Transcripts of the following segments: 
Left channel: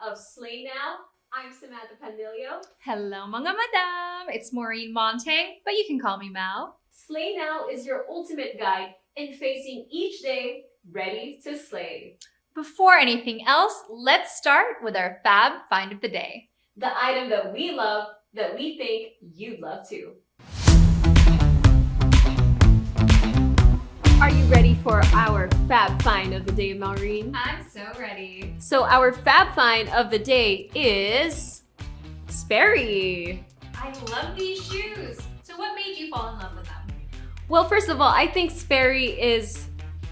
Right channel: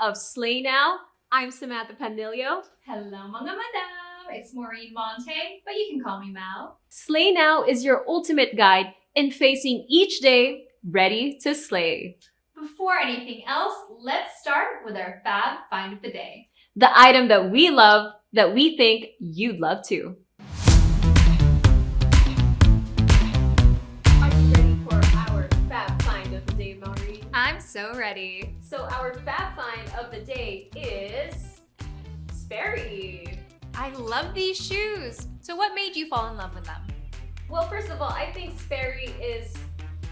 of Slay Now. I'm Samantha Panlilio. Hello mga madam, it's Maureen Montagne, but you can call me Mal. Slay Now is your ultimate guide in facing each day ready to slay. Before anything else, let's start with our fab find of the day. The item that we love, that we think you'd love too. Are you ready for our fab find of the day, Maureen? I'm so ready. So our fab find of the day is Sperry. I love these shoes. So what made you fall in love with them? Well, first of all, I think Sperry is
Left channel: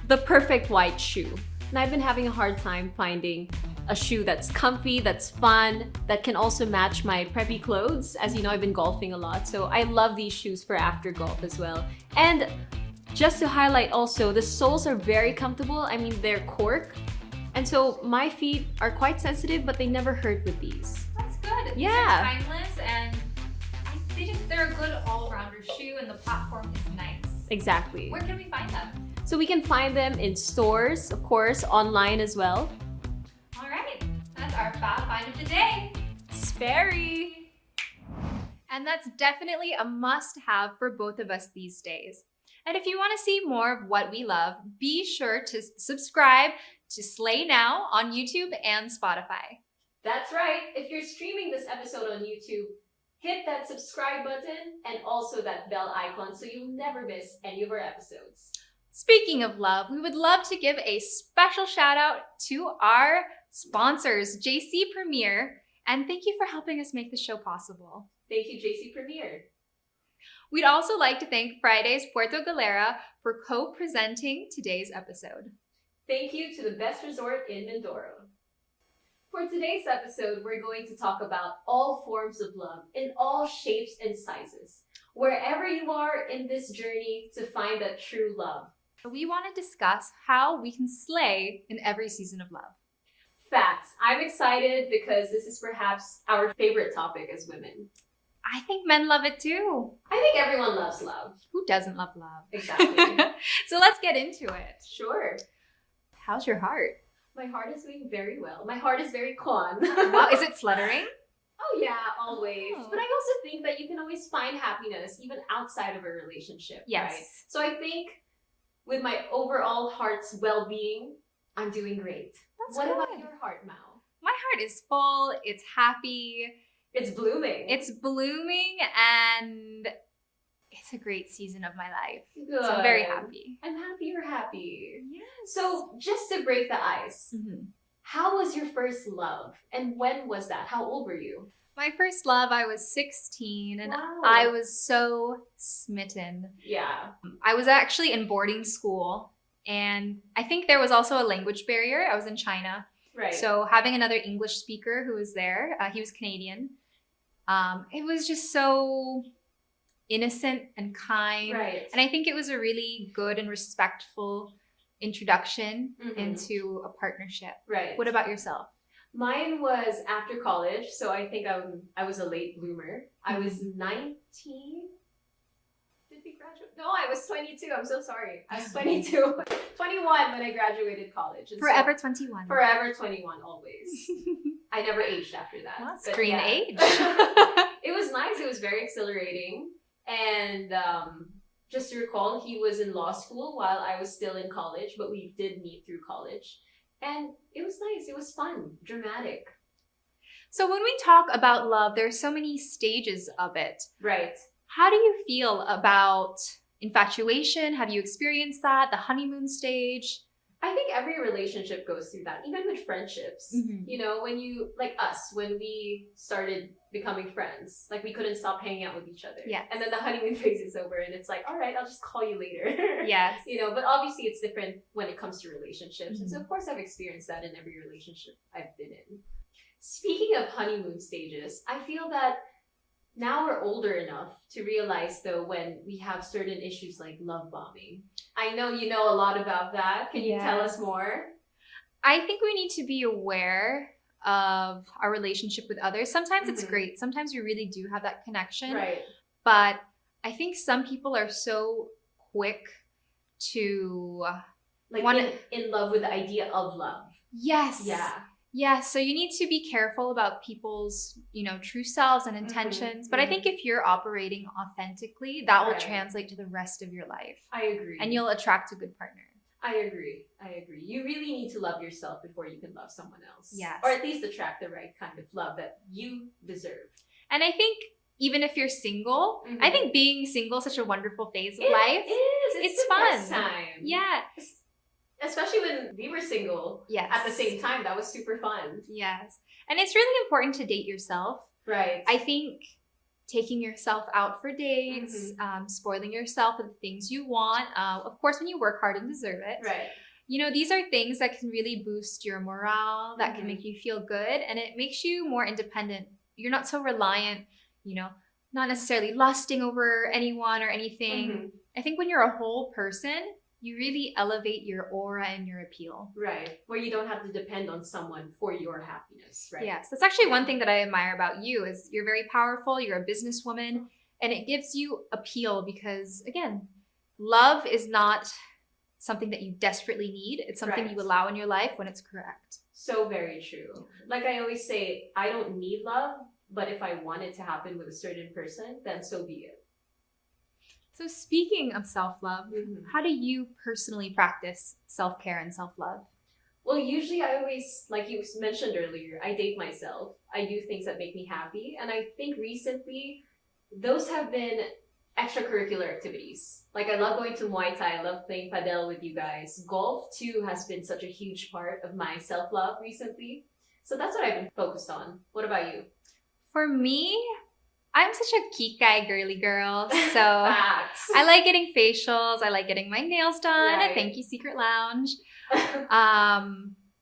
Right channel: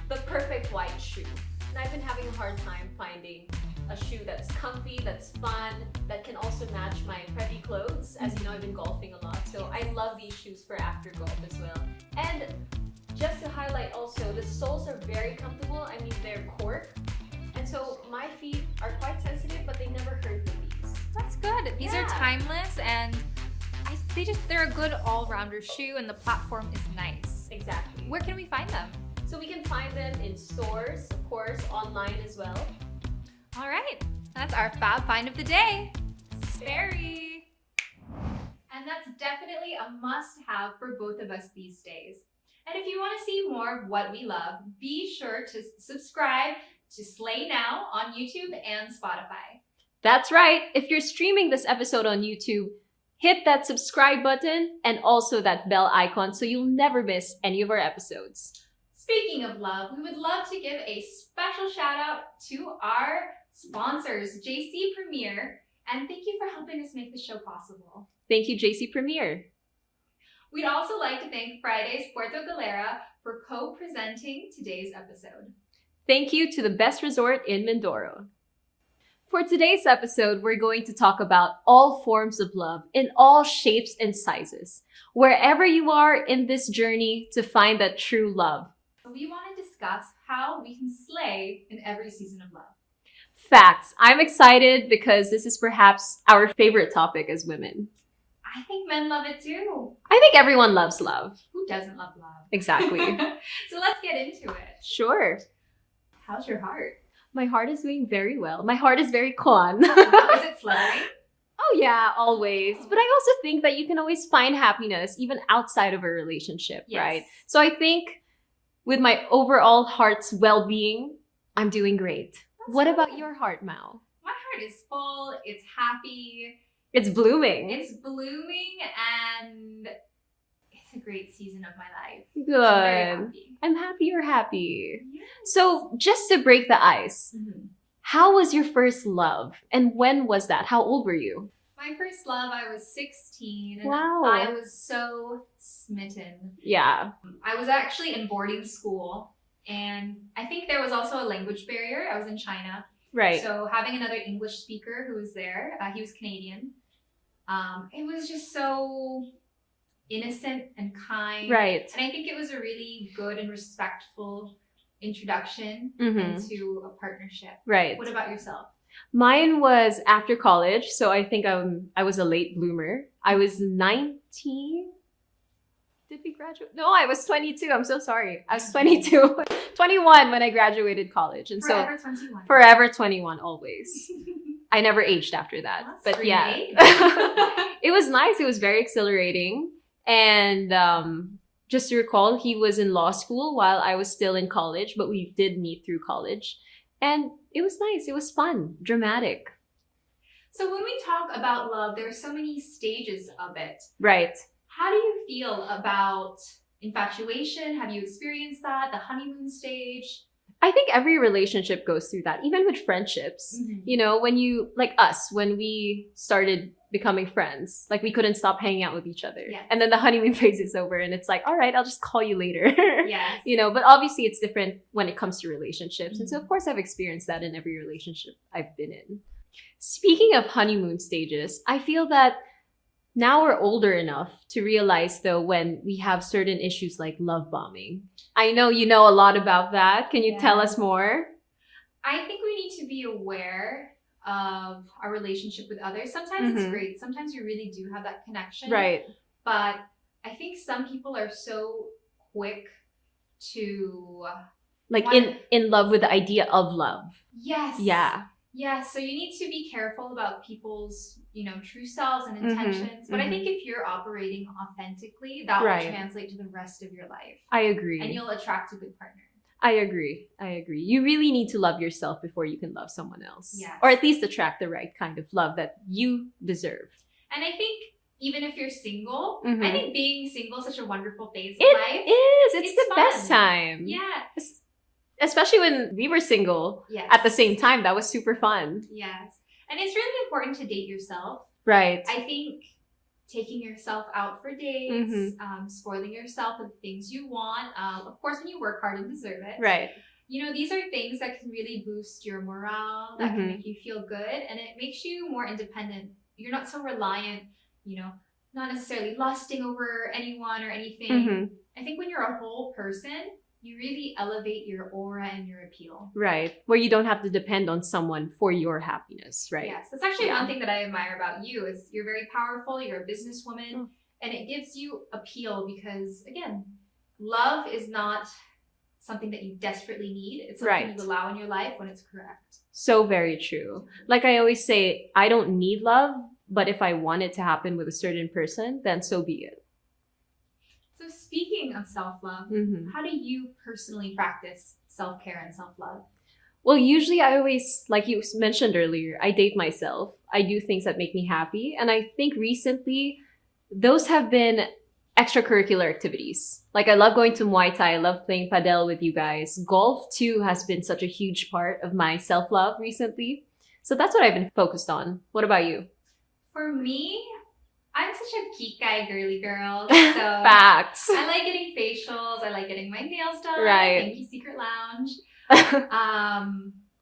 the perfect white shoe. And I've been having a hard time finding a shoe that's comfy, that's fun, that can also match my preppy clothes. As you know, I've been golfing a lot, so I love these shoes for after golf as well. And just to highlight also, the soles are very comfortable. I mean, they're cork. And so my feet are quite sensitive, but they never hurt with these. That's good. These are timeless and they're a good all-rounder shoe and the platform is nice. Exactly. Where can we find them? So we can find them in stores, of course, online as well. All right, that's our fab find of the day. Sperry. And that's definitely a must-have for both of us these days. And if you want to see more of what we love, be sure to subscribe to Slay Now on YouTube and Spotify. That's right. If you're streaming this episode on YouTube, hit that subscribe button and also that bell icon so you'll never miss any of our episodes. Speaking of love, we would love to give a special shout out to our sponsors, JC Premier, and thank you for helping us make the show possible. Thank you, JC Premier. We'd also like to thank Fridays Puerto Galera for co-presenting today's episode. Thank you to the best resort in Mindoro. For today's episode, we're going to talk about all forms of love in all shapes and sizes, wherever you are in this journey to find that true love. We want to discuss how we can slay in every season of love. Facts. I'm excited because this is perhaps our favorite topic as women. I think men love it too. I think everyone loves love. Who doesn't love love? Exactly. So let's get into it. Sure. How's your heart? My heart is doing very well. My heart is very con. Wow, is it fluttering? Oh yeah, always. Oh. But I also think that you can always find happiness even outside of a relationship, Yes. right? So I think with my overall heart's well-being, I'm doing great. What about your heart, Mao? My heart is full. It's happy. It's blooming. It's blooming and it's a great season of my life. Good. So I'm very happy. I'm happy you're happy. Yes. So just to break the ice, how was your first love? And when was that? How old were you? My first love, I was 16 and Wow. I was so smitten. Yeah. I was actually in boarding school and I think there was also a language barrier. I was in China. Right. So having another English speaker who was there, he was Canadian. It was just so innocent and kind. Right. And I think it was a really good and respectful introduction into a partnership. Right. What about yourself? Mine was after college, so I think I was a late bloomer. I was 19. Did we graduate? No, I was 22. I'm so sorry. I was 22. 21 when I graduated college. And Forever 21. Forever 21, always. I never aged after that. Well, that's but green yeah. age. It was nice. It was very exhilarating. And just to recall, he was in law school while I was still in college, but we did meet through college. And it was nice. It was fun, dramatic. So when we talk about love, there's so many stages of it. Right. How do you feel about infatuation? Have you experienced that? The honeymoon stage? I think every relationship goes through that, even with friendships. You know, when you, like us, when we started becoming friends, like we couldn't stop hanging out with each other. Yes. And then the honeymoon phase is over and it's like, all right, I'll just call you later. Yes. You know, but obviously it's different when it comes to relationships. And so of course I've experienced that in every relationship I've been in. Speaking of honeymoon stages, I feel that now we're older enough to realize though when we have certain issues like love bombing. I know you know a lot about that. Can you tell us more? I think we need to be aware of our relationship with others. Sometimes it's great. Sometimes we really do have that connection. Right. But I think some people are so quick to like in love with the idea of love. Yes. Yeah. Yeah, so you need to be careful about people's, true selves and intentions. But I think if you're operating authentically, that will translate to the rest of your life. I agree. And you'll attract a good partner. I agree. You really need to love yourself before you can love someone else. Yes. Or at least attract the right kind of love that you deserve. And I think even if you're single, I think being single is such a wonderful phase of life. It is. It's the fun. best time. Yeah. Especially when we were single at the same time. That was super fun. Yes. And it's really important to date yourself. Right. I think taking yourself out for dates, spoiling yourself with the things you want. Of course, when you work hard and deserve it. Right. These are things that can really boost your morale, that can make you feel good, and it makes you more independent. You're not so reliant, not necessarily lusting over anyone or anything. I think when you're a whole person, you really elevate your aura and your appeal. Right. Where you don't have to depend on someone for your happiness, right? Yes. That's actually one thing that I admire about you is you're very powerful. You're a businesswoman and it gives you appeal because, again, love is not something that you desperately need. It's something you allow in your life when it's correct. So very true. Like I always say, I don't need love, but if I want it to happen with a certain person, then so be it. So speaking of self-love, how do you personally practice self-care and self-love? Well, usually I always, like you mentioned earlier, I date myself. I do things that make me happy. And I think recently, those have been extracurricular activities. Like I love going to Muay Thai. I love playing padel with you guys. Golf too has been such a huge part of my self-love recently. So that's what I've been focused on. What about you? For me, I'm such a kikai girly girl. So Facts. I like getting facials. I like getting my nails done. Right. Thank you, Secret Lounge.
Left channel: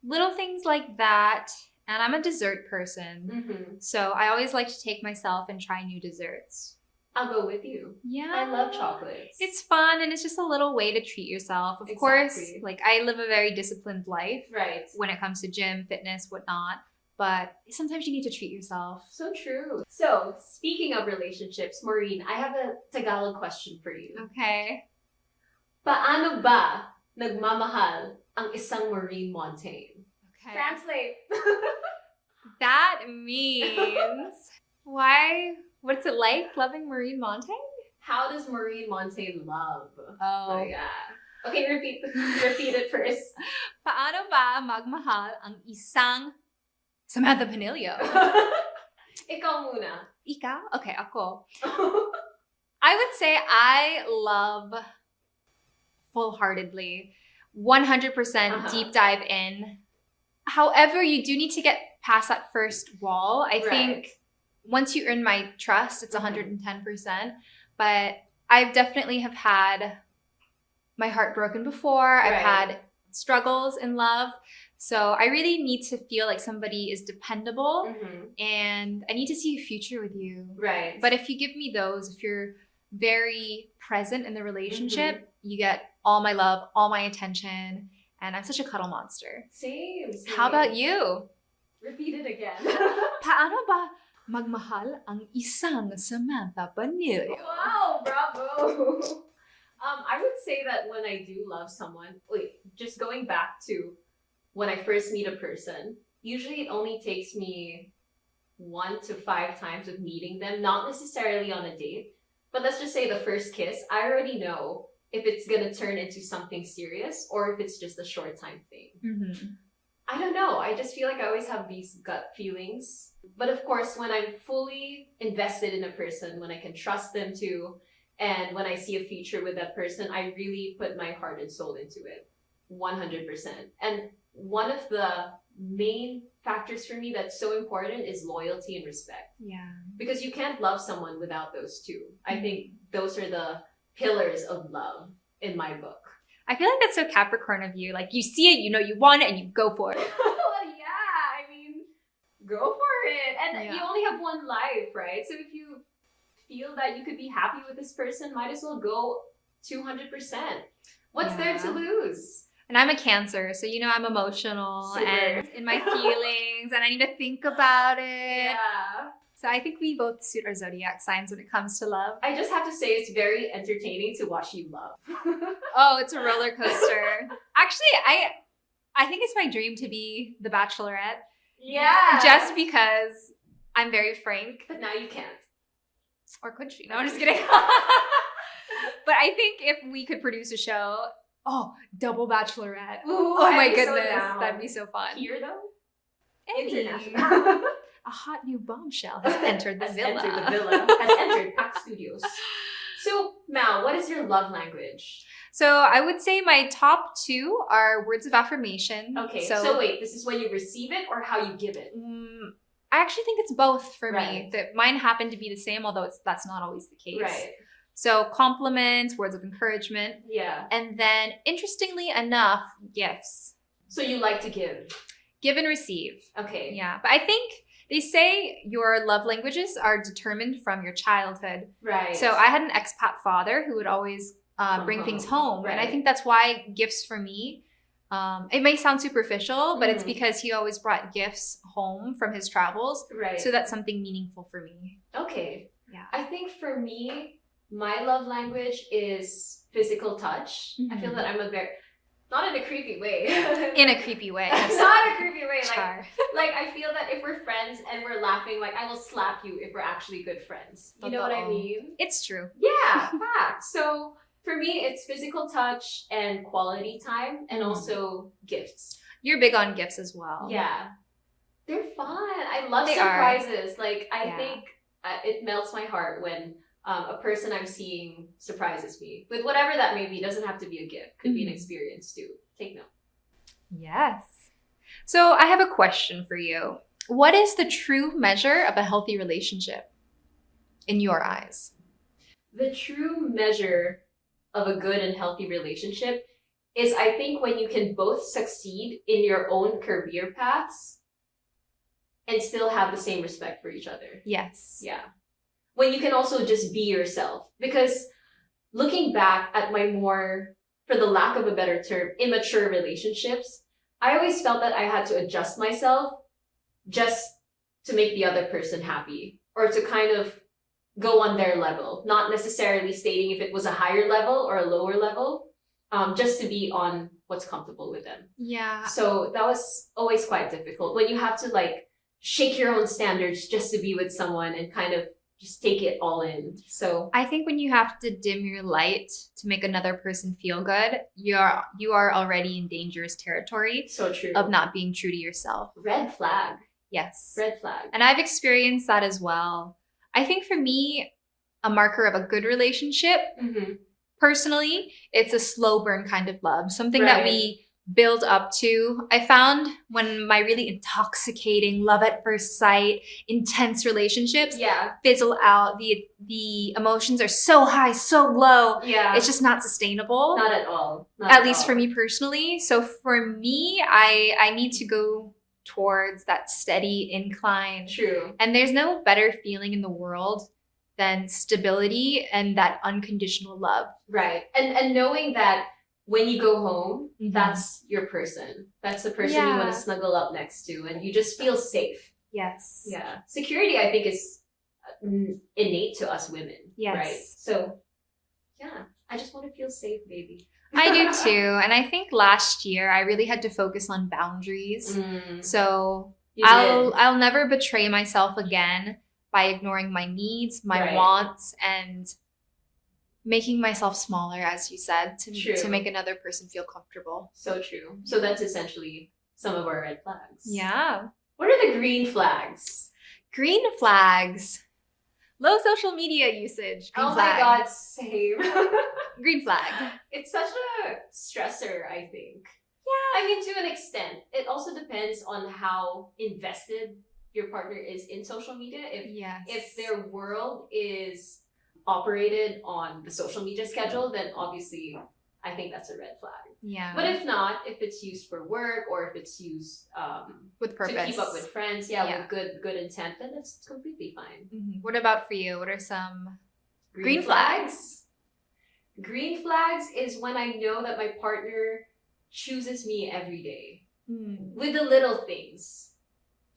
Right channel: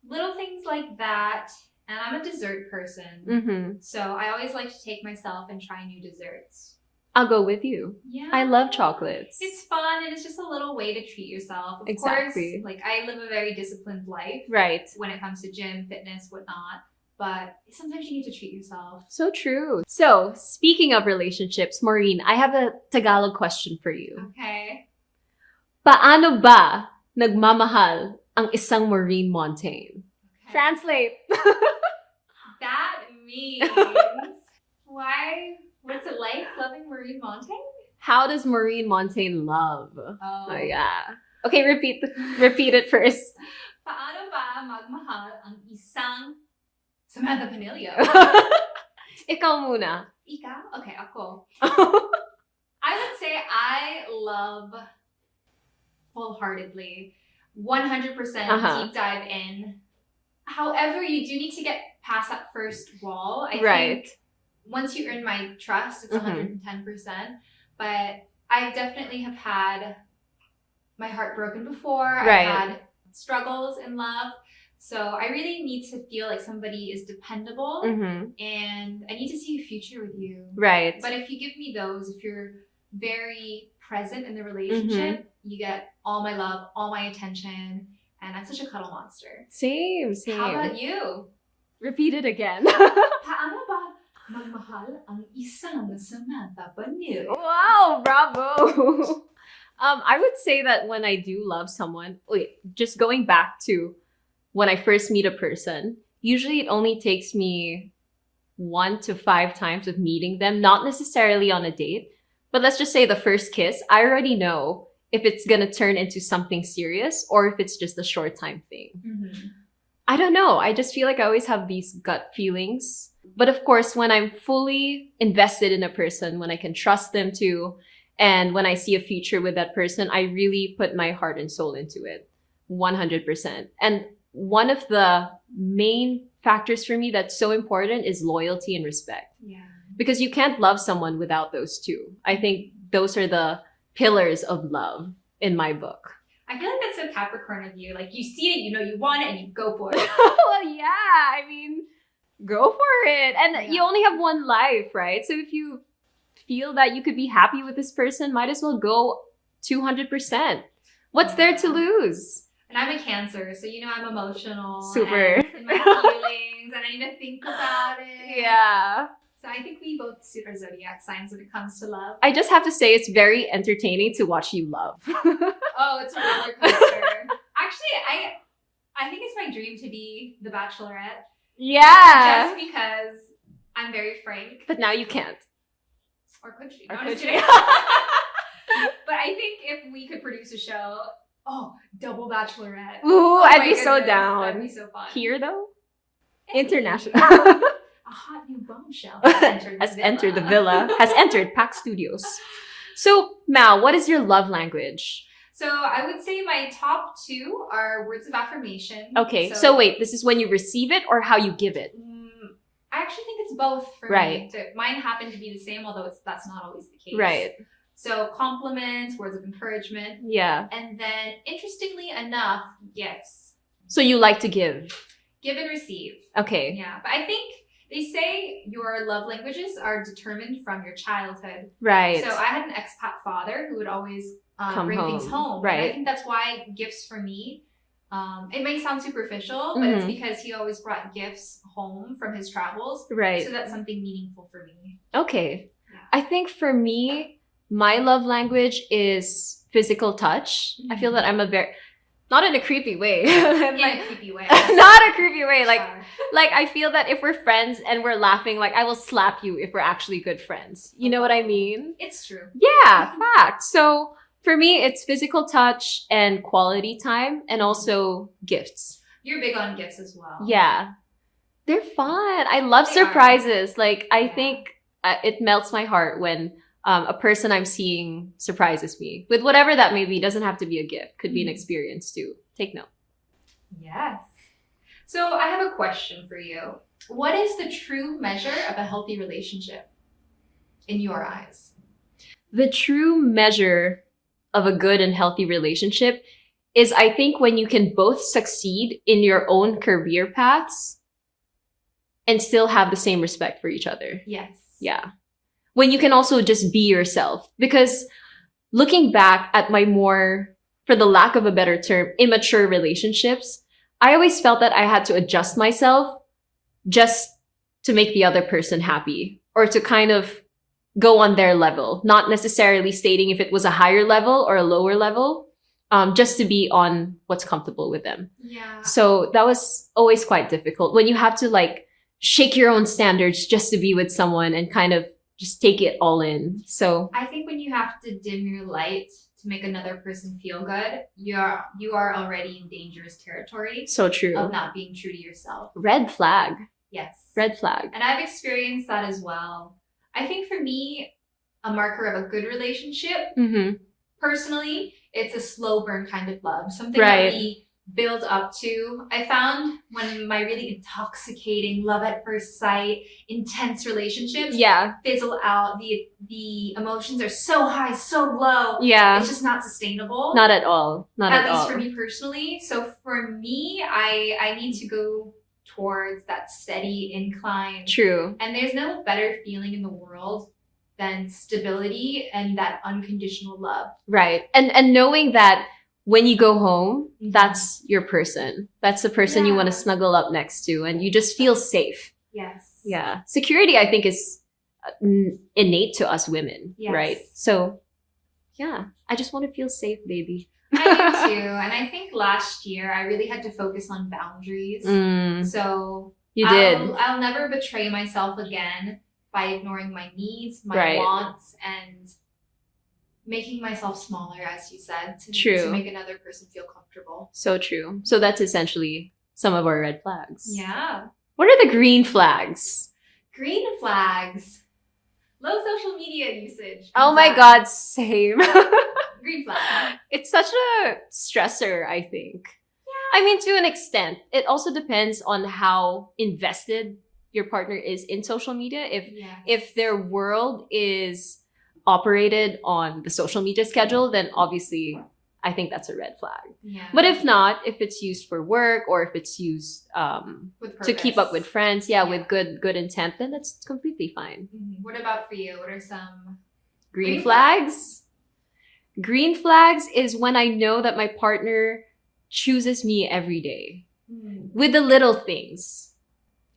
Little things like that. And I'm a dessert person. So I always like to take myself and try new desserts. I'll go with you. Yeah. I love chocolates. It's fun and it's just a little way to treat yourself. Of course, like I live a very disciplined life. Right. When it comes to gym, fitness, whatnot. But sometimes you need to treat yourself. So true. So, speaking of relationships, Maureen, I have a Tagalog question for you. Okay. Paano ba nagmamahal ang isang Maureen Montagne? Okay. Translate. That means why? What's it like loving Maureen Montagne? How does Maureen Montagne love? Oh Yeah. Okay, repeat it first. Paano ba magmahal ang isang Samantha Panlilio? Ikaw muna. Ikaw? Okay, ako. I would say I love full-heartedly, 100% deep dive in. However, you do need to get past that first wall. I think once you earn my trust, it's 110%. But I've definitely have had my heart broken before. I've had struggles in love. So I really need to feel like somebody is dependable and I need to see a future with you. Right. But if you give me those, if you're very present in the relationship, you get all my love, all my attention, and I'm such a cuddle monster. Same. How about you? Repeat it again. Paano ba magmahal ang isang Samantha Panlilio? Wow, bravo. I would say that when I do love someone, just going back to when I first meet a person, usually it only takes me 1 to 5 times of meeting them, not necessarily on a date, but let's just say the first kiss, I already know if it's gonna turn into something serious or if it's just a short time thing. I don't know. I just feel like I always have these gut feelings. But of course, when I'm fully invested in a person, when I can trust them too, and when I see a future with that person, I really put my heart and soul into it. 100%. And one of the main factors for me that's so important is loyalty and respect. Yeah. Because you can't love someone without those two. I think those are the pillars of love in my book. I feel like that's so Capricorn of you. Like you see it, you know you want it, and you go for it. Well, yeah. I mean, go for it. And you only have one life, right? So if you feel that you could be happy with this person, might as well go 200%. What's there to lose? And I'm a Cancer, so I'm emotional. Super. And in my feelings, and I need to think about it. Yeah. So I think we both suit our zodiac signs when it comes to love. I just have to say it's very entertaining to watch you love. Oh, it's a roller coaster. Actually, I think it's my dream to be the Bachelorette. Yeah. Just because I'm very frank. But now you can't. Or could she? Or No, I'm could just kidding. But I think if we could produce a show, double bachelorette. Ooh, my I'd be so goodness, down. That'd be so fun. Here though? Hey. International. A hot new bombshell has entered the villa. Entered the villa. Has entered Pack Studios. So, Mal, what is your love language? So I would say my top 2 are words of affirmation. Okay, so wait, this is when you receive it or how you give it? I actually think it's both for Right. me. Mine happen to be the same, although that's not always the case. Right. So compliments, words of encouragement, Yeah. and then interestingly enough, gifts. So you like to give? Give and receive. Okay. Yeah, but I think they say your love languages are determined from your childhood. Right. So I had an expat father who would always bring things home. Right. And I think that's why gifts for me, it may sound superficial, but it's Mhm. because he always brought gifts home from his travels. Right. So that's something meaningful for me. Okay. Yeah. I think for me, my love language is physical touch. I feel Mhm. that I'm a very, not in a creepy way. In a creepy way. Not a creepy way. Sure. Like I feel that if we're friends and we're laughing, like I will slap you if we're actually good friends. You know what I Oh. mean? It's true. Yeah, fact. So for me, it's physical touch and quality time and Mhm. also gifts. You're big on gifts as well. Yeah. They're fun. I love They surprises. Like, I Yeah. think it melts my heart when a person I'm seeing surprises me with whatever that may be. Doesn't have to be a gift. Could be an Mhm. experience too. Take note. Yes. So I have a question for you. What is the true measure of a healthy relationship in your eyes? The true measure of a good and healthy relationship is, I think, when you can both succeed in your own career paths and still have the same respect for each other. Yes. Yeah. When you can also just be yourself. Because looking back at my more, for the lack of a better term, immature relationships, I always felt that I had to adjust myself just to make the other person happy or to kind of go on their level, not necessarily stating if it was a higher level or a lower level, just to be on what's comfortable with them. Yeah. So that was always quite difficult when you have to like shake your own standards just to be with someone and kind of just take it all in. So I think when you have to dim your light to make another person feel good, you are already in dangerous territory so true. of not being true to yourself. Red flag. Yes. Red flag. And I've experienced that as well. I think for me, a marker of a good relationship, Mm-hmm. personally, it's a slow burn kind of love, something Right. that we build up to. I found when my really intoxicating love at first sight, intense relationships Yeah. fizzle out, the emotions are so high, so low. Yeah. It's just not sustainable. Not at all. Not at at least all. for me personally. So for me, I need to go towards that steady incline. True. And there's no better feeling in the world than stability and that unconditional love. Right. And knowing that when you go home, Mhm. that's your person. That's the person you want Yeah. to snuggle up next to and you just feel safe. Yes. Yeah. Security, I think, is innate to us women, Yes. right? So, yeah, I just want to feel safe, baby. I do too. And I think last year I really had to focus on boundaries. So You did. I'll never betray myself again by ignoring my needs, my Right. wants, and making myself smaller, as you said, to True. make another person feel comfortable. So true. So that's essentially some of our red flags. Yeah. What are the green flags? Green flags. Low social media usage. Green Oh my flag. God, same. Green flag. It's such a stressor, I think. Yeah. I mean, to an extent. It also depends on how invested your partner is in social media. If their world is operated on the social media schedule, then obviously I think that's a red flag. Yeah. But if not, if it's used for work or if it's used with to purpose. keep up with friends, Yeah. with good intent, then that's completely fine. Mhm. What about for you? What are some Green flags? Green flags is when I know that my partner chooses me every day with the little things.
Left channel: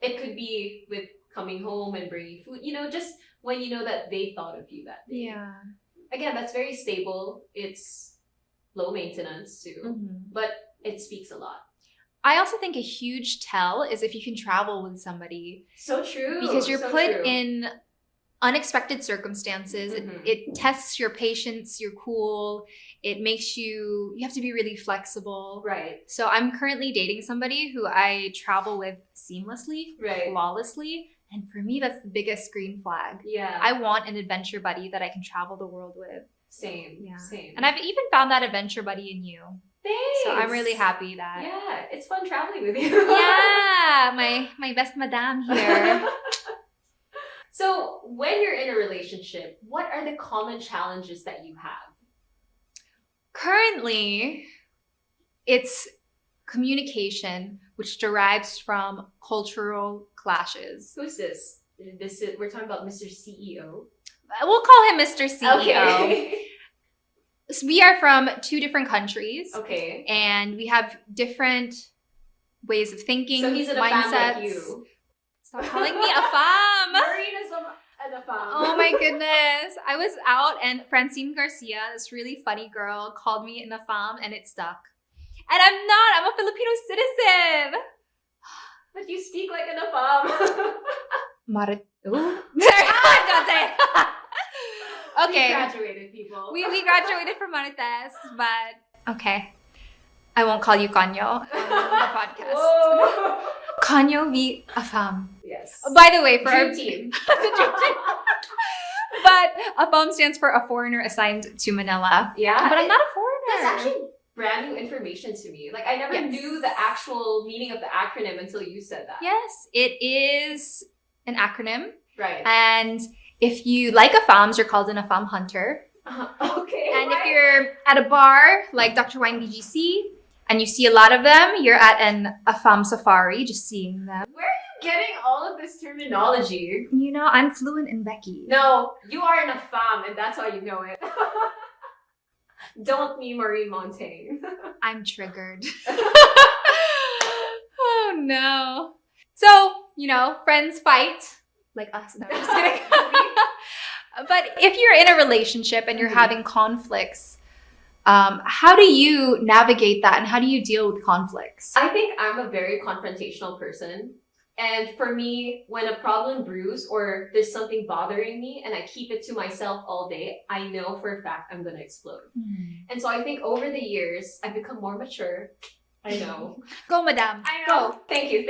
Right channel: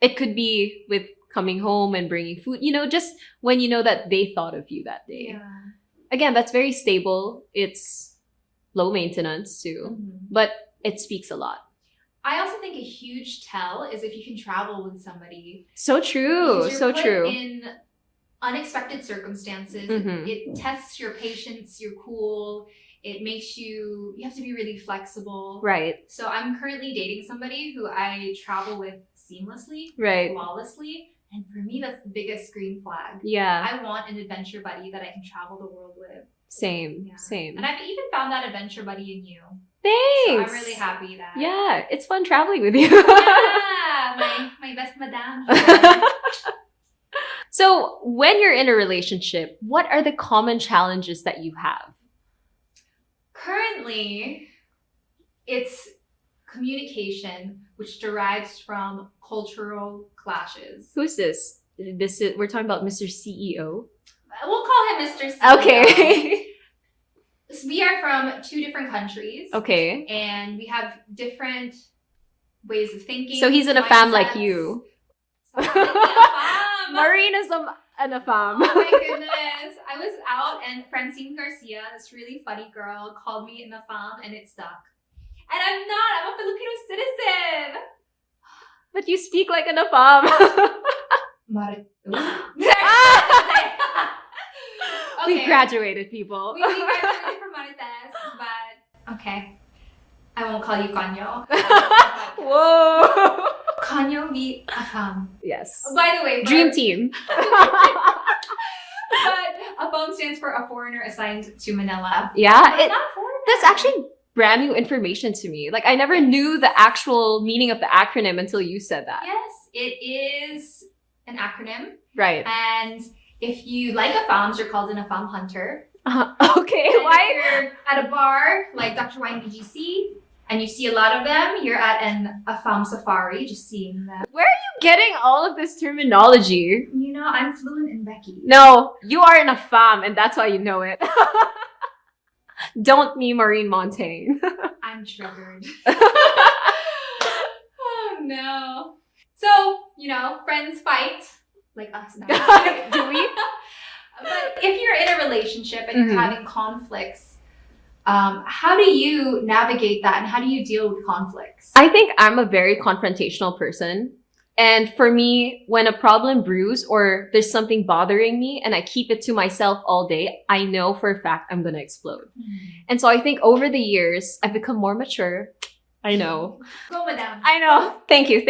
It could be with coming home and bringing food, just when you know that they thought of you that day. Yeah. Again, that's very stable. It's low maintenance too, Mhm. but it speaks a lot. I also think a huge tell is if you can travel with somebody. So true. Because you're so put true. in unexpected circumstances. It tests your patience, your cool. It makes you have to be really flexible. Right. So I'm currently dating somebody who I travel with seamlessly, Right. flawlessly. And for me, that's the biggest green flag. Yeah. I want an adventure buddy that I can travel the world with. Same. Same. And I've even found that adventure buddy in you. Thanks. So I'm really happy that. Yeah, it's fun traveling with you. Yeah, my best madame here. So when you're in a relationship, what are the common challenges that you have? Currently, it's communication, which derives from cultural clashes. Who's this? We're talking about Mr. CEO. We'll call him Mr. CEO. Okay. So we are from 2 different countries. Okay. And we have different ways of thinking. So he's in a fam like you. Stop calling me a fam. Maureen is an a fam. Oh my goodness. I was out and Francine Garcia, this really funny girl, called me an fam and it stuck. And I'm not. I'm a Filipino citizen. But you speak like an a fam. Okay. We graduated, people. We graduated from Marites, but okay. I won't call you Kanyo. Whoa. Kanyo be a fam. Yes. By the way, Dream team. But a fam stands for a foreigner assigned to Manila. Yeah. But I'm not a foreigner. That's actually brand new information to me. Like I never knew the actual meaning of the acronym until you said that. Yes, it is an acronym. Right. And if you like a fams, you're called an a fam hunter. Okay. And if you're at a bar like Dr. Wine BGC and you see a lot of them, you're at a fam safari, just seeing them. Where are you getting all of this terminology? You know, I'm fluent in Becky. No, you are in a fam and that's why you know it. Don't me Maureen Montagne. I'm triggered. Oh no. So, friends fight. Like us. No, but if you're in a relationship and you're having conflicts, how do you navigate that and how do you deal with conflicts? I think I'm a very confrontational person. And for me, when a problem brews or there's something bothering me and I keep it to myself all day, I know for a fact I'm going to explode. And so I think over the years, I've become more mature. I know. Go, madam. I know. Thank you.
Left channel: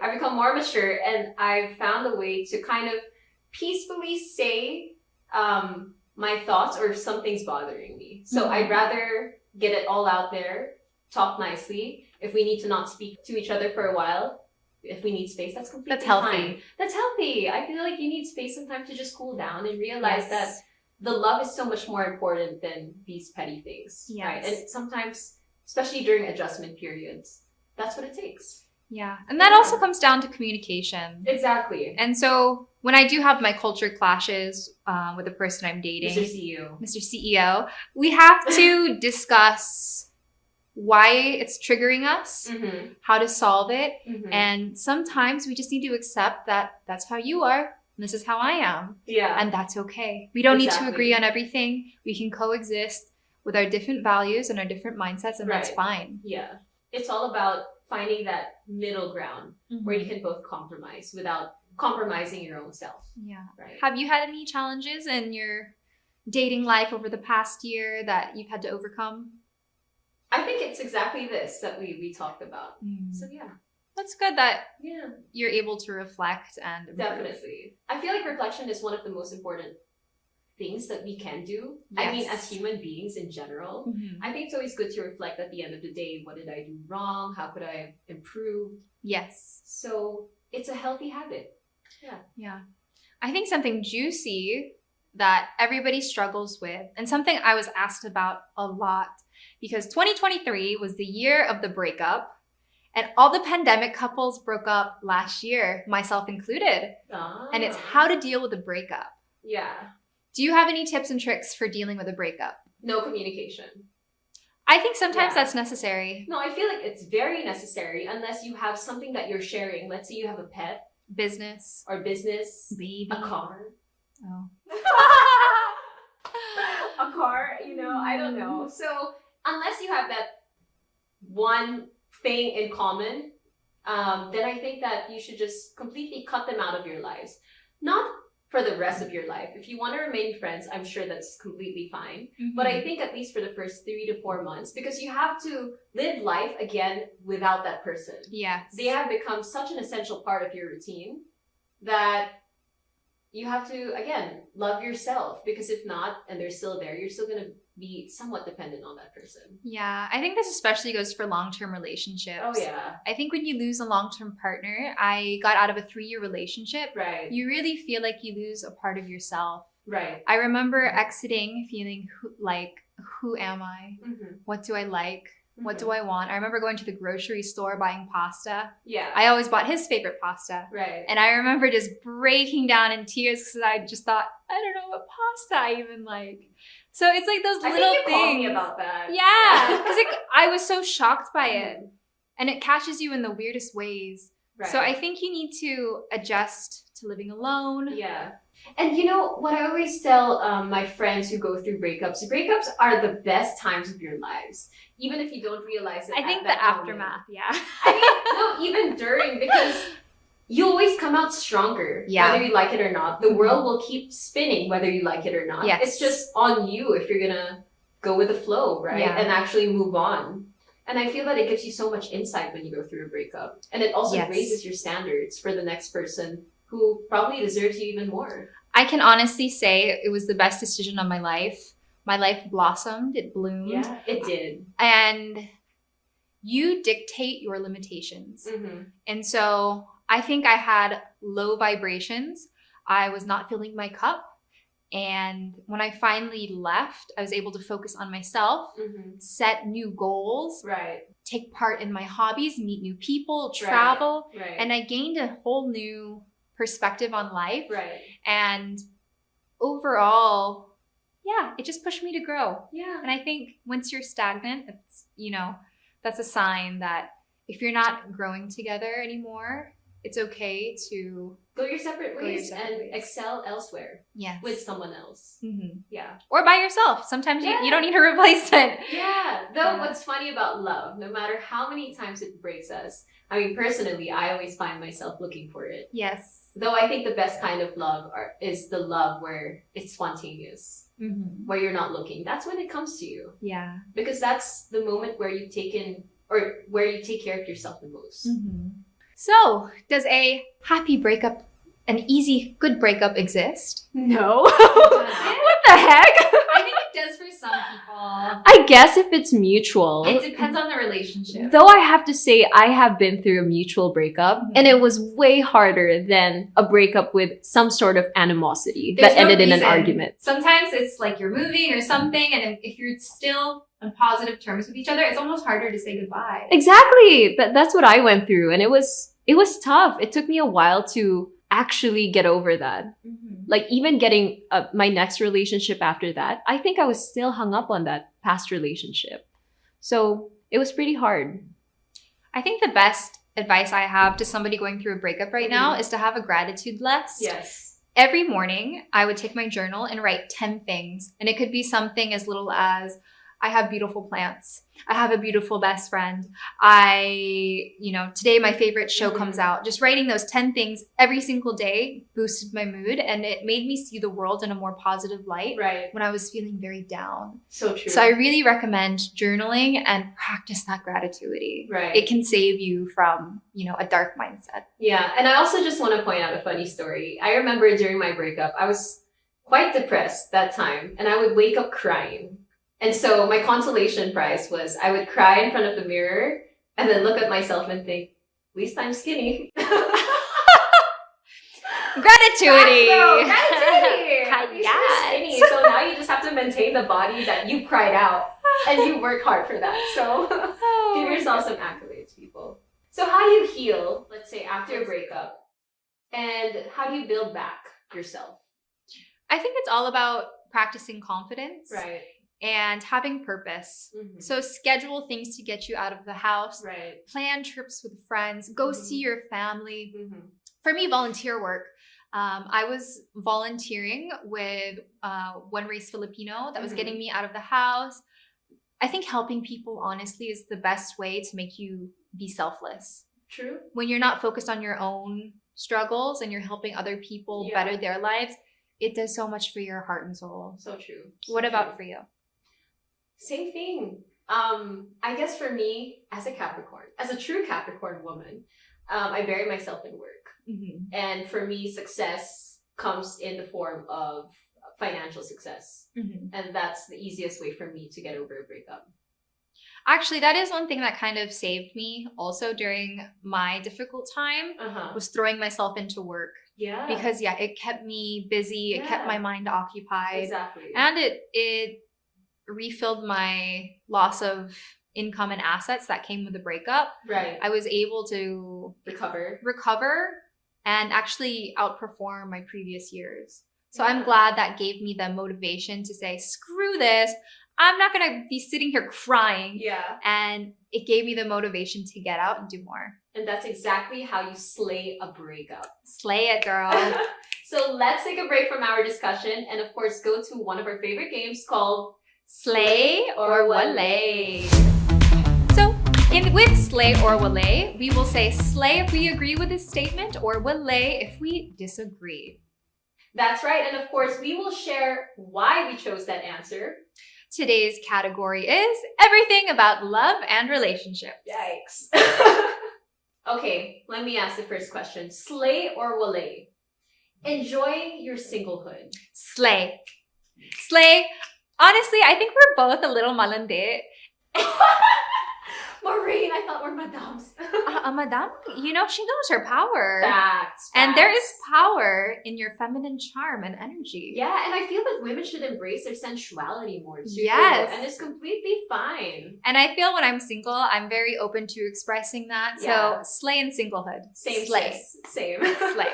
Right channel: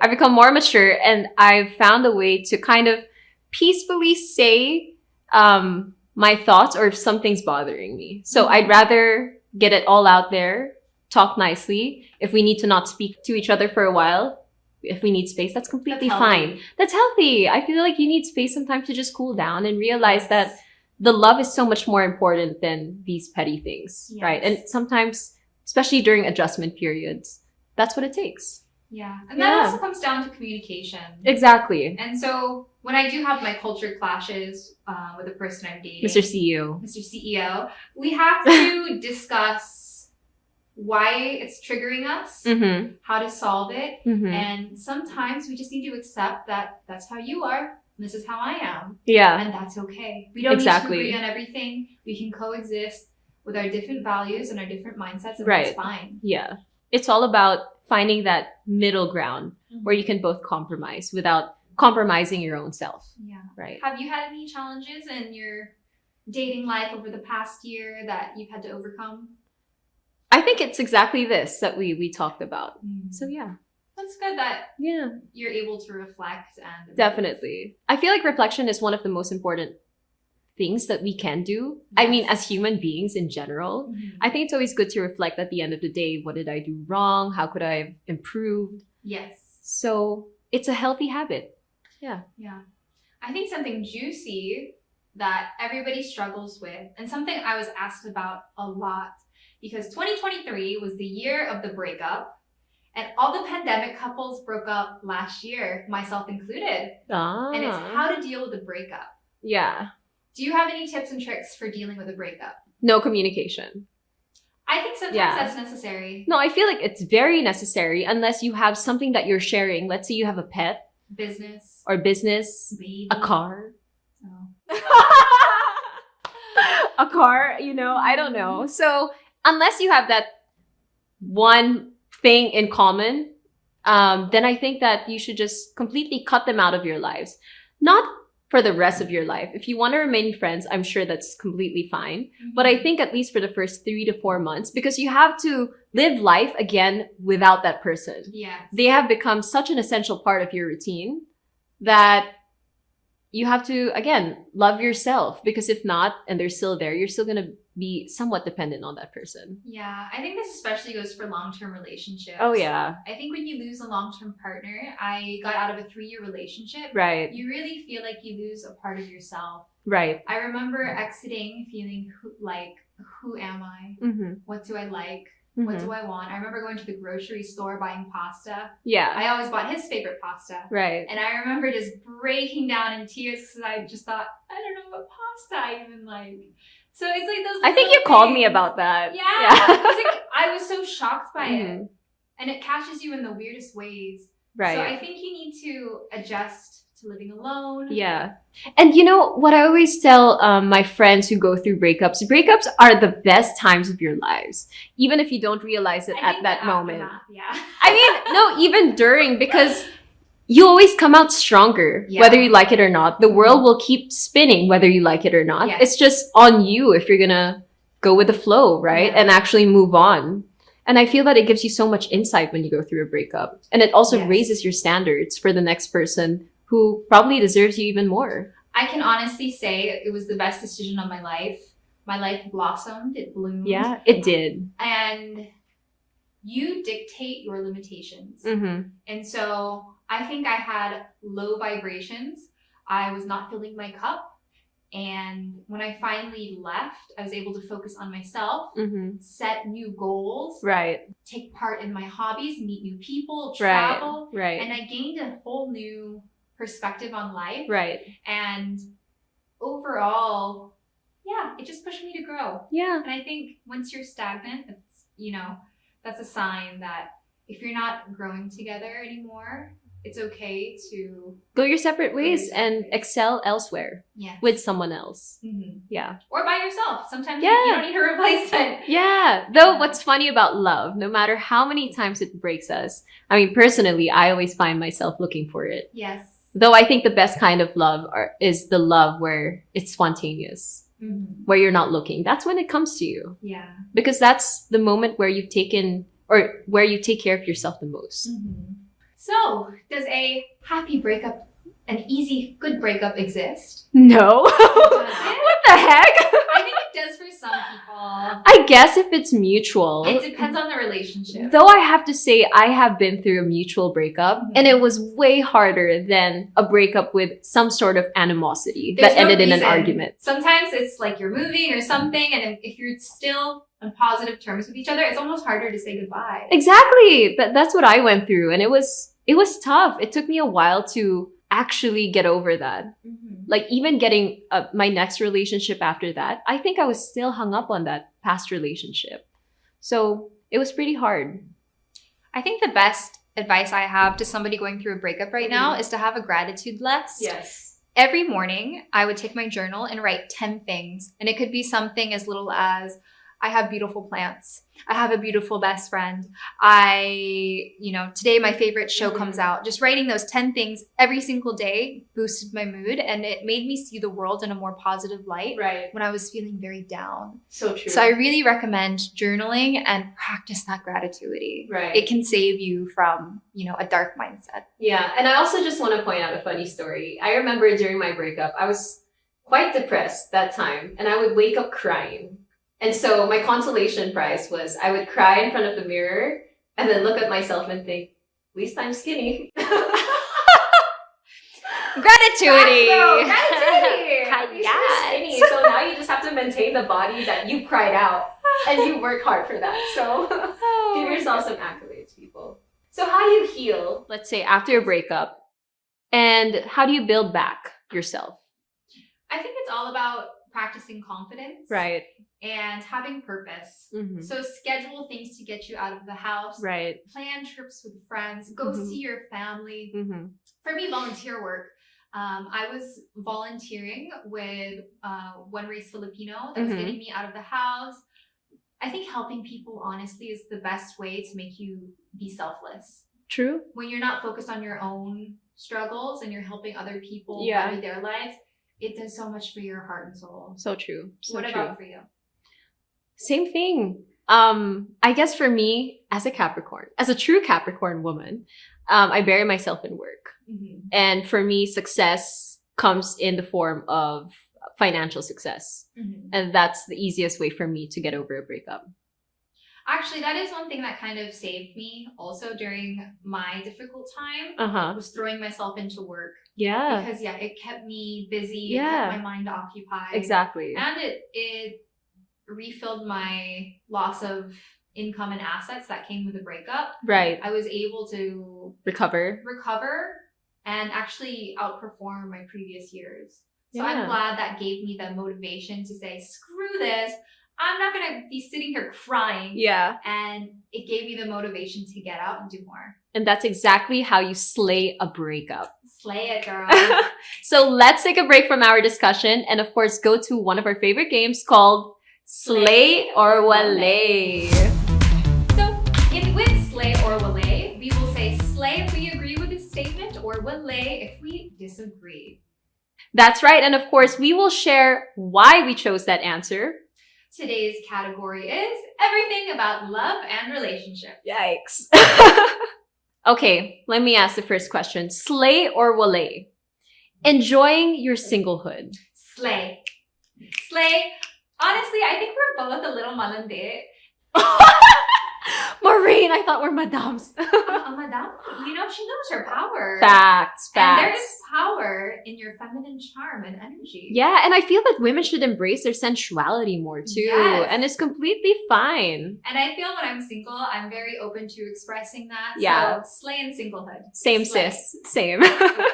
I've become more mature and I've found a way to kind of peacefully say my thoughts or if something's bothering me. So I'd rather get it all out there, talk nicely. If we need to not speak to each other for a while, if we need space, that's completely fine. That's healthy. I feel like you need space sometimes to just cool down and realize that the love is so much more important than these petty things, right? And sometimes, especially during adjustment periods, that's what it takes. Yeah. And that also comes down to communication. Exactly. And so when I do have my culture clashes with the person I'm dating, Mr. CEO, we have to discuss why it's triggering us, how to solve it. And sometimes we just need to accept that that's how you are. And this is how I am. Yeah. And that's okay. We don't need to agree on everything. We can coexist with our different values and our different mindsets, and that's fine. Yeah. It's all about finding that middle ground where you can both compromise without compromising your own self. Yeah. Right. Have you had any challenges in your dating life over the past year that you've had to overcome? I think it's exactly this that we talked about. So yeah. That's good that you're able to reflect and improve. Definitely. I feel like reflection is one of the most important things that we can do. I mean, as human beings in general, I think it's always good to reflect at the end of the day. What did I do wrong? How could I have improved? Yes. So it's a healthy habit. Yeah. Yeah. I think something juicy that everybody struggles with, and something I was asked about a lot, because 2023 was the year of the breakup, and all the pandemic couples broke up last year, myself included. And it's how to deal with a breakup. Yeah. Do you have any tips and tricks for dealing with a breakup? No communication. I think sometimes that's necessary. No, I feel like it's very necessary unless you have something that you're sharing. Let's say you have a pet. Business. Or business. Baby. A car. A car, I don't know. So unless you have that one thing in common, then I think that you should just completely cut them out of your lives. Not for the rest of your life. If you want to remain friends, I'm sure that's completely fine. But I think at least for the first 3 to 4 months, because you have to live life again without that person. Yes. They have become such an essential part of your routine that you have to, again, love yourself. Because if not, and they're still there, you're still going to be somewhat dependent on that person. Yeah, I think this especially goes for long-term relationships. Oh, yeah. I think when you lose a long-term partner, I got out of a 3-year relationship. Right. You really feel like you lose a part of yourself. Right. I remember exiting feeling who am I? Mm-hmm. What do I like? What do I want? I remember going to the grocery store buying pasta. Yeah. I always bought his favorite pasta. Right. And I remember just breaking down in tears because I just thought, I don't know what pasta I even like. So it's like those little I think you called me about that. Yeah. Because I was so shocked by it. And it catches you in the weirdest ways. Right. So I think you need to adjust to living alone. Yeah. And you know what I always tell my friends who go through breakups are the best times of your lives, even if you don't realize it at that moment. Yeah. I mean, no, even during, because you always come out stronger, whether you like it or not. The world will keep spinning whether you like it or not. Yes. It's just on you if you're gonna go with the flow, right? Yeah. And actually move on. And I feel that it gives you so much insight when you go through a breakup. And it also raises your standards for the next person who probably deserves you even more. I can honestly say it was the best decision of my life. My life blossomed, it bloomed. Yeah, it did. And you dictate your limitations. And so I think I had low vibrations. I was not filling my cup. And when I finally left, I was able to focus on myself, set new goals, take part in my hobbies, meet new people, travel. And I gained a whole new perspective on life. And overall, it just pushed me to grow. And I think once you're stagnant, it's, that's a sign that if you're not growing together anymore, it's okay to go your separate ways and excel elsewhere with someone else. Or by yourself. Sometimes you don't need a replacement. Though what's funny about love, no matter how many times it breaks us, I mean, personally, I always find myself looking for it. Though I think the best kind of love is the love where it's spontaneous, where you're not looking. That's when it comes to you. Because that's the moment where you've taken, or where you take care of yourself the most. So, does a happy breakup, an easy, good breakup exist? No. What the heck? I think it does for some people. I guess if it's mutual. It depends on the relationship. Though I have to say, I have been through a mutual breakup, and it was way harder than a breakup with some sort of animosity that ended in an argument. Sometimes it's like you're moving or something, and if you're still on positive terms with each other, it's almost harder to say goodbye. Exactly. That's what I went through, and it was tough. It took me a while to actually get over that. Like even getting my next relationship after that, I think I was still hung up on that past relationship. So it was pretty hard. I think the best advice I have to somebody going through a breakup right now is to have a gratitude list. Every morning, I would take my journal and write 10 things. And it could be something as little as, I have beautiful plants. I have a beautiful best friend. Today my favorite show comes out. Just writing those 10 things every single day boosted my mood, and it made me see the world in a more positive light when I was feeling very down. So true. So I really recommend journaling and practice that gratitude. It can save you from, a dark mindset. Yeah. And I also just want to point out a funny story. I remember during my breakup, I was quite depressed that time, and I would wake up crying. And so my consolation prize was I would cry in front of the mirror and then look at myself and think, at least I'm skinny. Gratitude. Skinny. So now you just have to maintain the body that you cried out, and you work hard for that. So give yourself some accolades, people. So how do you heal, let's say, after a breakup, and how do you build back yourself? I think it's all about practicing confidence. And having purpose. So schedule things to get you out of the house. Plan trips with friends. Go see your family. For me, volunteer work. I was volunteering with One Race Filipino that was getting me out of the house. I think helping people honestly is the best way to make you be selfless. True. When you're not focused on your own struggles and you're helping other people Yeah. better their lives, it does so much for your heart and soul. So true. So What true. about for you? Same thing. I guess for me, as a Capricorn, as a true Capricorn woman, I bury myself in work. Mm-hmm. And for me, success comes in the form of financial success. Mm-hmm. And that's the easiest way for me to get over a breakup. Actually, that is one thing that kind of saved me also during my difficult time, was throwing myself into work. Yeah. Because it kept me busy. Yeah. It kept my mind occupied. Exactly. And it refilled my loss of income and assets that came with the breakup. Right. I was able to recover and actually outperform my previous years. So Yeah. I'm glad that gave me the motivation to say, screw this. I'm not going to be sitting here crying. Yeah. And it gave me the motivation to get out and do more. And that's exactly how you slay a breakup. Slay it, girl. So let's take a break from our discussion and of course go to one of our favorite games called Slay or Wale. So with Slay or Wale, we will say slay if we agree with this statement or Wale if we disagree. That's right. And of course, we will share why we chose that answer. Today's category is everything about love and relationships. Yikes. Okay, let me ask the first question. Slay or Wale? Enjoying your singlehood. Slay. Slay. Honestly, I think we're both a little malandi. Maureen, I thought we're madams. Madam, she knows her power. Facts. And there is power in your feminine charm and energy. Yeah, and I feel that women should embrace their sensuality more too. Yes. And it's completely fine. And I feel when I'm single, I'm very open to expressing that. Yeah. So slay and singlehood. Same, slay. sis. Same. Slay.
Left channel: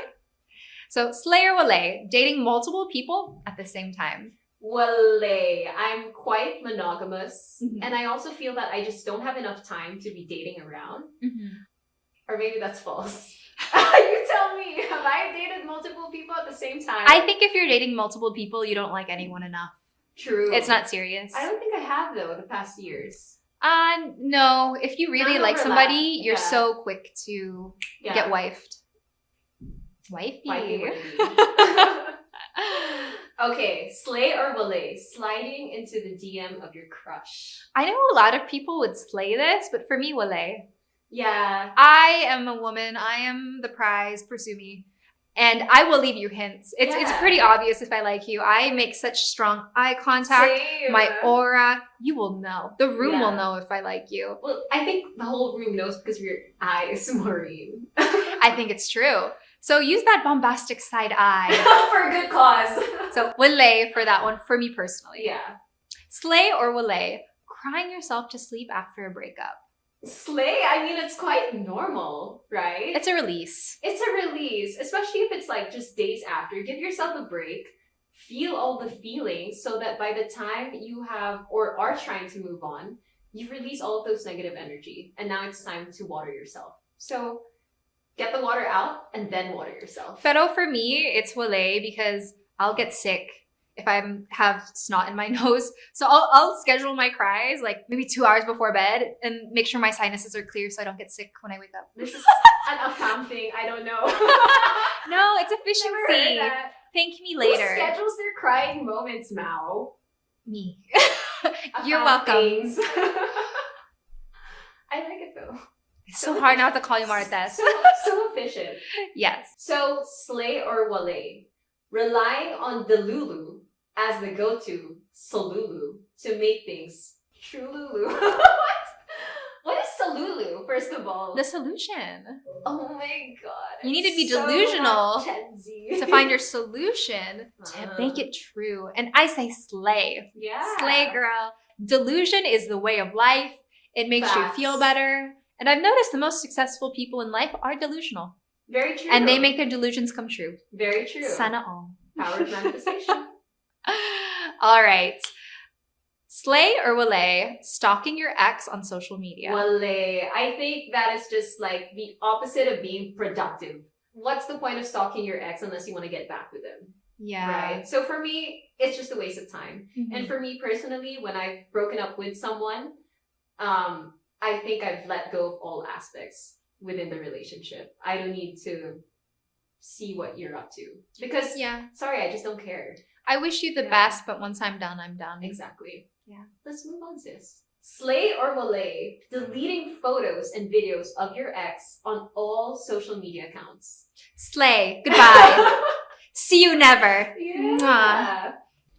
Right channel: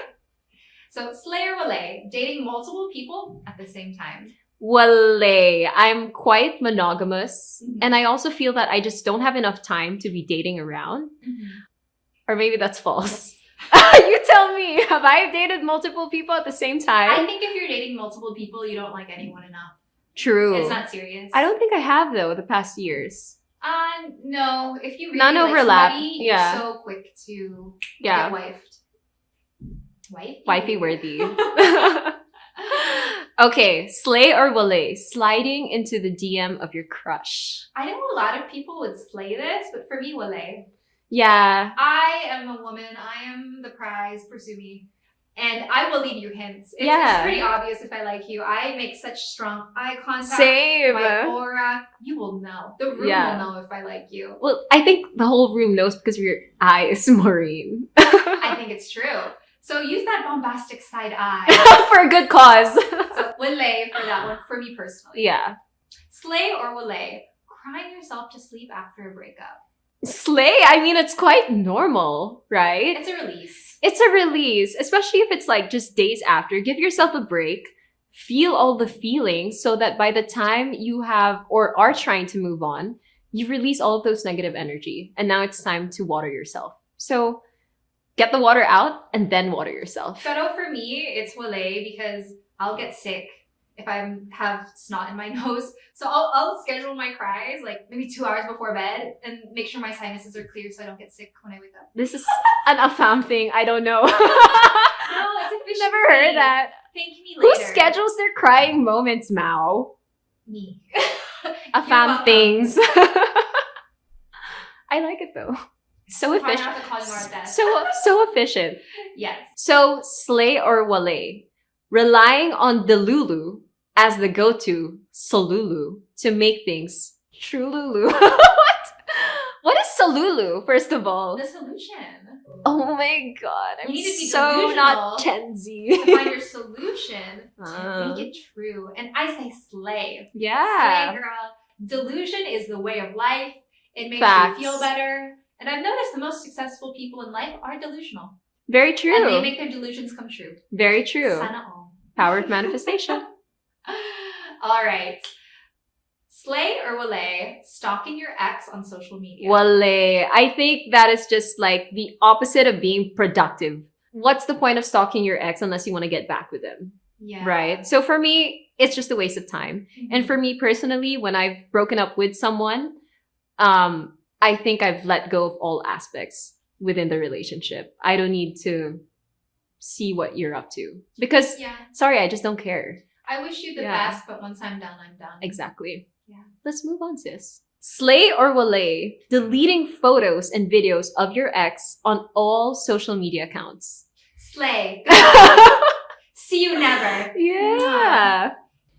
So slay or wale, dating multiple people at the same time. Wale. I'm quite monogamous. Mhm. And I also feel that I just don't have enough time to be dating around. Mm-hmm. Or maybe that's false. You tell me. Have I dated multiple people at the same time? I think if you're dating multiple people, you don't like anyone enough. True. It's not serious. I don't think I have though the past years. No. If you really None like overlap. somebody, Yeah. you're so quick to Yeah. get wifed. Wifey worthy. Okay, slay or wale? Sliding into the DM of your crush. I know a lot of people would slay this, but for me, wale. Yeah. I am a woman. I am the prize. Pursue me. And I will leave you hints. It's pretty obvious if I like you. I make such strong eye contact. Same. My aura. You will know. The room Yeah. will know if I like you. Well, I think the whole room knows because of your eyes, Maureen. I think it's true. So use that bombastic side eye. For a good cause. So wale for that one, for me personally. Yeah. Slay or wale? Crying yourself to sleep after a breakup. Slay, I mean, it's quite normal, right? It's a release. It's a release, especially if it's like just days after. Give yourself a break. Feel all the feelings so that by the time you have or are trying to move on, you release all of those negative energy. And now it's time to water yourself. So get the water out and then water yourself. Pero for me, it's wale because I'll get sick if I have snot in my nose. So I'll schedule my cries like maybe 2 hours before bed and make sure my sinuses are clear so I don't get sick when I wake up. This is an Afam thing. I don't know. No, it's efficiency. Never heard that. Thank me Who later. schedules their crying moments, Mao? Me. Afam welcome. things. I like it though. So hard not to call you Martes. So efficient. Yes. So slay or wale? Relying on Delulu as the go-to Solulu to make things Trululu. What is Solulu, first of all? The solution. Oh my god. You need to be so delusional not Gen Z. to find your solution to make it true. And I say slay. Yeah. Slay, girl. Delusion is the way of life. It makes Facts. you feel better. And I've noticed the most successful people in life are delusional. Very true. And they make their delusions come true. Very true. Sana all. Power of manifestation. All right. Slay or wale, stalking your ex on social media? Wale. I think that is just like the opposite of being productive. What's the point of stalking your ex unless you want to get back with them? Yeah. Right? So for me, it's just a waste of time. Mm-hmm. And for me personally, when I've broken up with someone, I think I've let go of all aspects within the relationship. I don't need to see what you're up to because, sorry, I just don't care. I wish you the best, but once I'm done, I'm done. Exactly. Yeah. Let's move on, sis. Slay or walay, deleting photos and videos of your ex on all social media accounts. Slay. Goodbye. See you never. Yeah.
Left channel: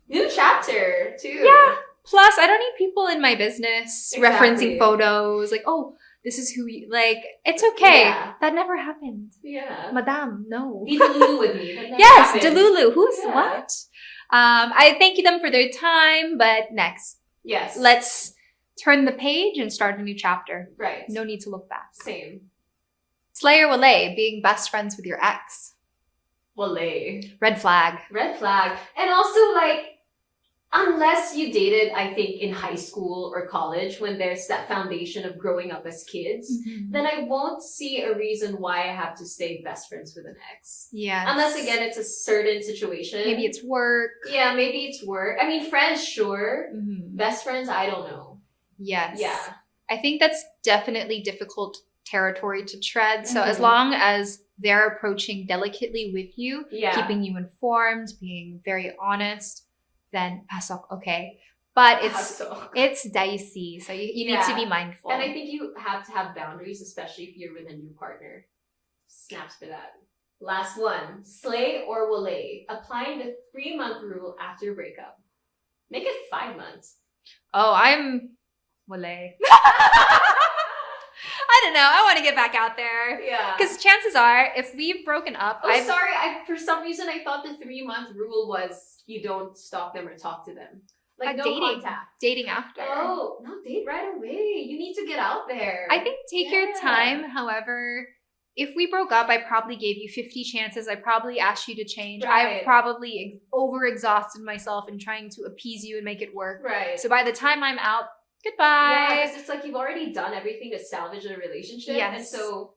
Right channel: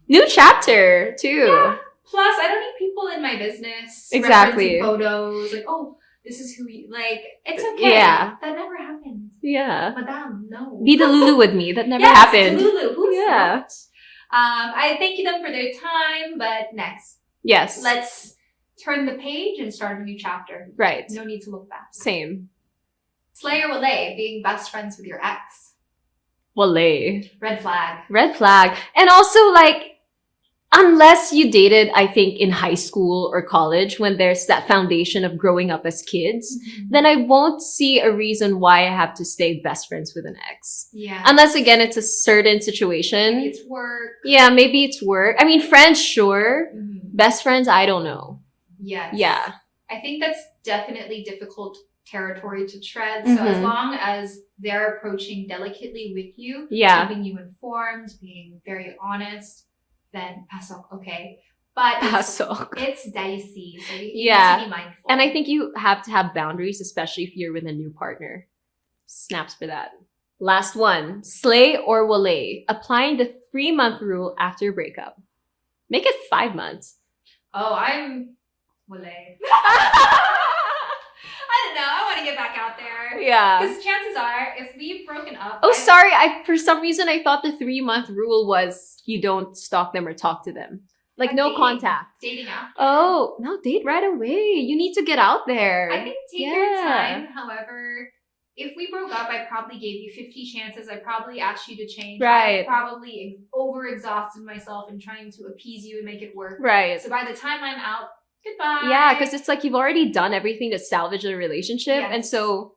New chapter, too. Yeah. Plus, I don't need people in my business referencing photos. Like, oh, this is who you... Like, it's okay. Yeah. That never happened. Yeah. Madame, no. Be Delulu with me. That never happened. Yes, Delulu. Who's not? I thank them for their time, but next. Yes. Let's turn the page and start a new chapter. Right. No need to look back. Same. Slay or walay, being best friends with your ex. Walay. Red flag. Red flag. And also, like, unless you dated, I think, in high school or college, when there's that foundation of growing up as kids, then I won't see a reason why I have to stay best friends with an ex. Yeah. Unless, again, it's a certain situation. Maybe it's work. Yeah, maybe it's work. I mean, friends, sure. Best friends, I don't know. Yes. Yeah. I think that's definitely difficult territory to tread. So as long as they're approaching delicately with you, keeping you informed, being very honest, then pasok, okay. But it's dicey. So you need to be mindful. And I think you have to have boundaries, especially if you're with a new partner. Snaps for that. Last one. Slay or walay. Applying the 3-month rule after breakup. Make it 5 months. Oh, I'm walay. I don't know. I want to get back out there. Yeah. Because chances are, if we've broken up... Oh, sorry. For some reason, I thought the 3-month rule was you don't stalk them or talk to them. Like, no contact. Dating after. Oh, no, date right away. You need to get out there. I think take your time. However, if we broke up, I probably gave you 50 chances. I probably asked you to change. Right. I probably overexhausted myself in trying to appease you and make it work. Right. So by the time I'm out, goodbye. Yeah, because it's like you've already done everything to salvage a relationship. Yes. And so,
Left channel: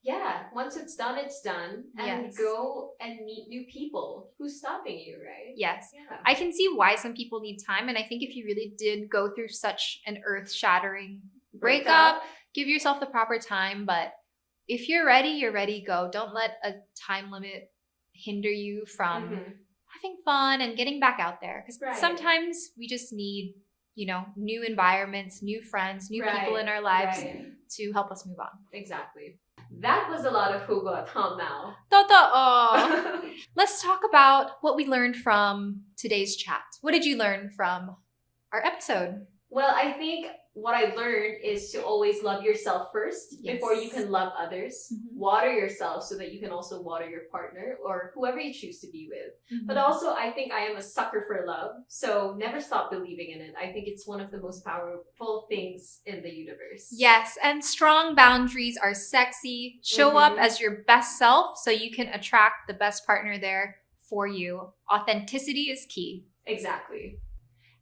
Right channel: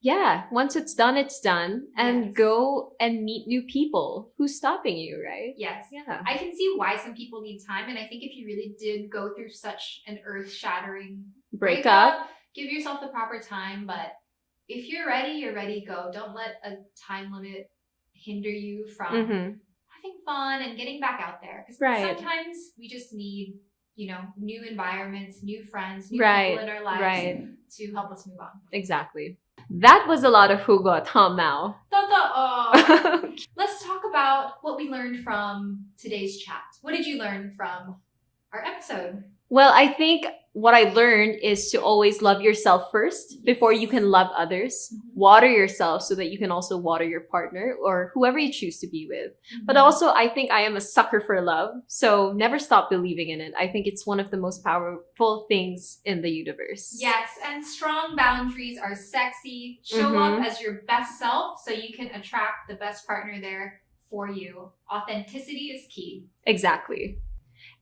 yeah, once it's done, it's done. And go and meet new people. Who's stopping you, right? Yes. Yeah. I can see why some people need time. And I think if you really did go through such an earth-shattering breakup, give yourself the proper time. But if you're ready, go. Don't let a time limit hinder you from having fun and getting back out there. Because sometimes we just need, new environments, new friends, new people in our lives to help us move on. Exactly. That was a lot of hugot, huh, Mal? Let's talk about what we learned from today's chat. What did you learn from our episode? Well, I think what I learned is to always love yourself first before you can love others. Water yourself so that you can also water your partner or whoever you choose to be with. But also, I think I am a sucker for love. So never stop believing in it. I think it's one of the most powerful things in the universe. Yes, and strong boundaries are sexy. Show up as your best self so you can attract the best partner there for you. Authenticity is key. Exactly.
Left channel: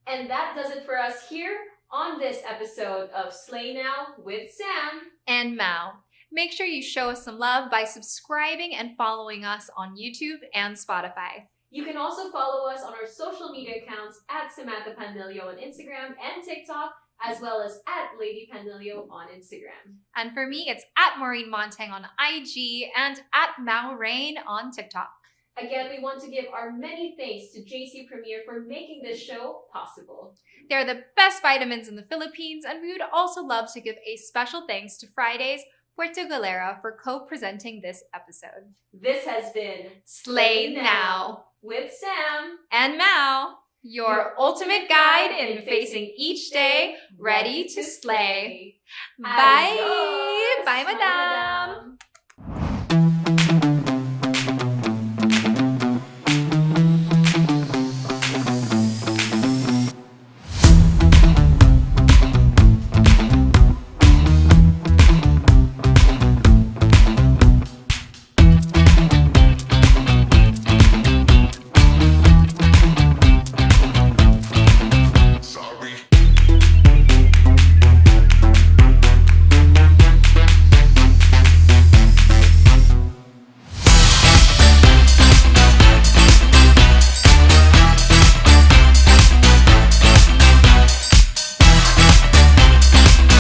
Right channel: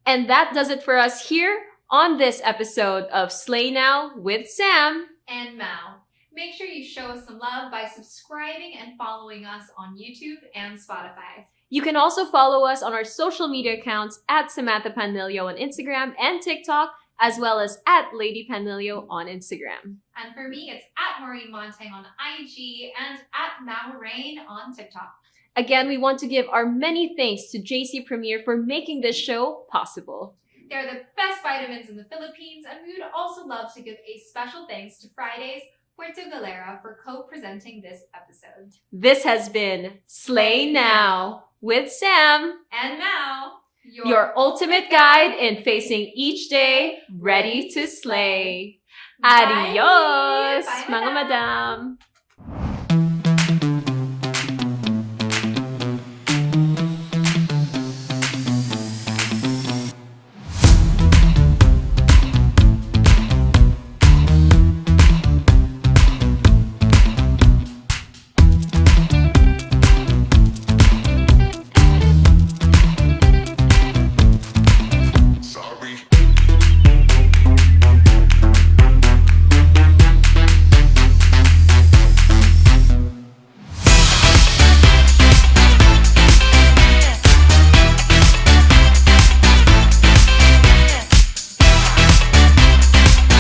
And that does it for us here on this episode of Slay Now with Sam and Mao. Make sure you show us some love by subscribing and following us on YouTube and Spotify. You can also follow us on our social media accounts at Samantha Panlilio on Instagram and TikTok, as well as at Lady Panlilio on Instagram. And for me, it's at Maureen Montagne on IG and at Maureen on TikTok. Again, we want to give our many thanks to JC Premier for making this show possible. They're the best vitamins in the Philippines, and we would also love to give a special thanks to Fridays Puerto Galera for co-presenting this episode. This has been Slay Now with Sam and Mao, your ultimate guide in facing each day ready to slay. Adios, Bye, mga madam.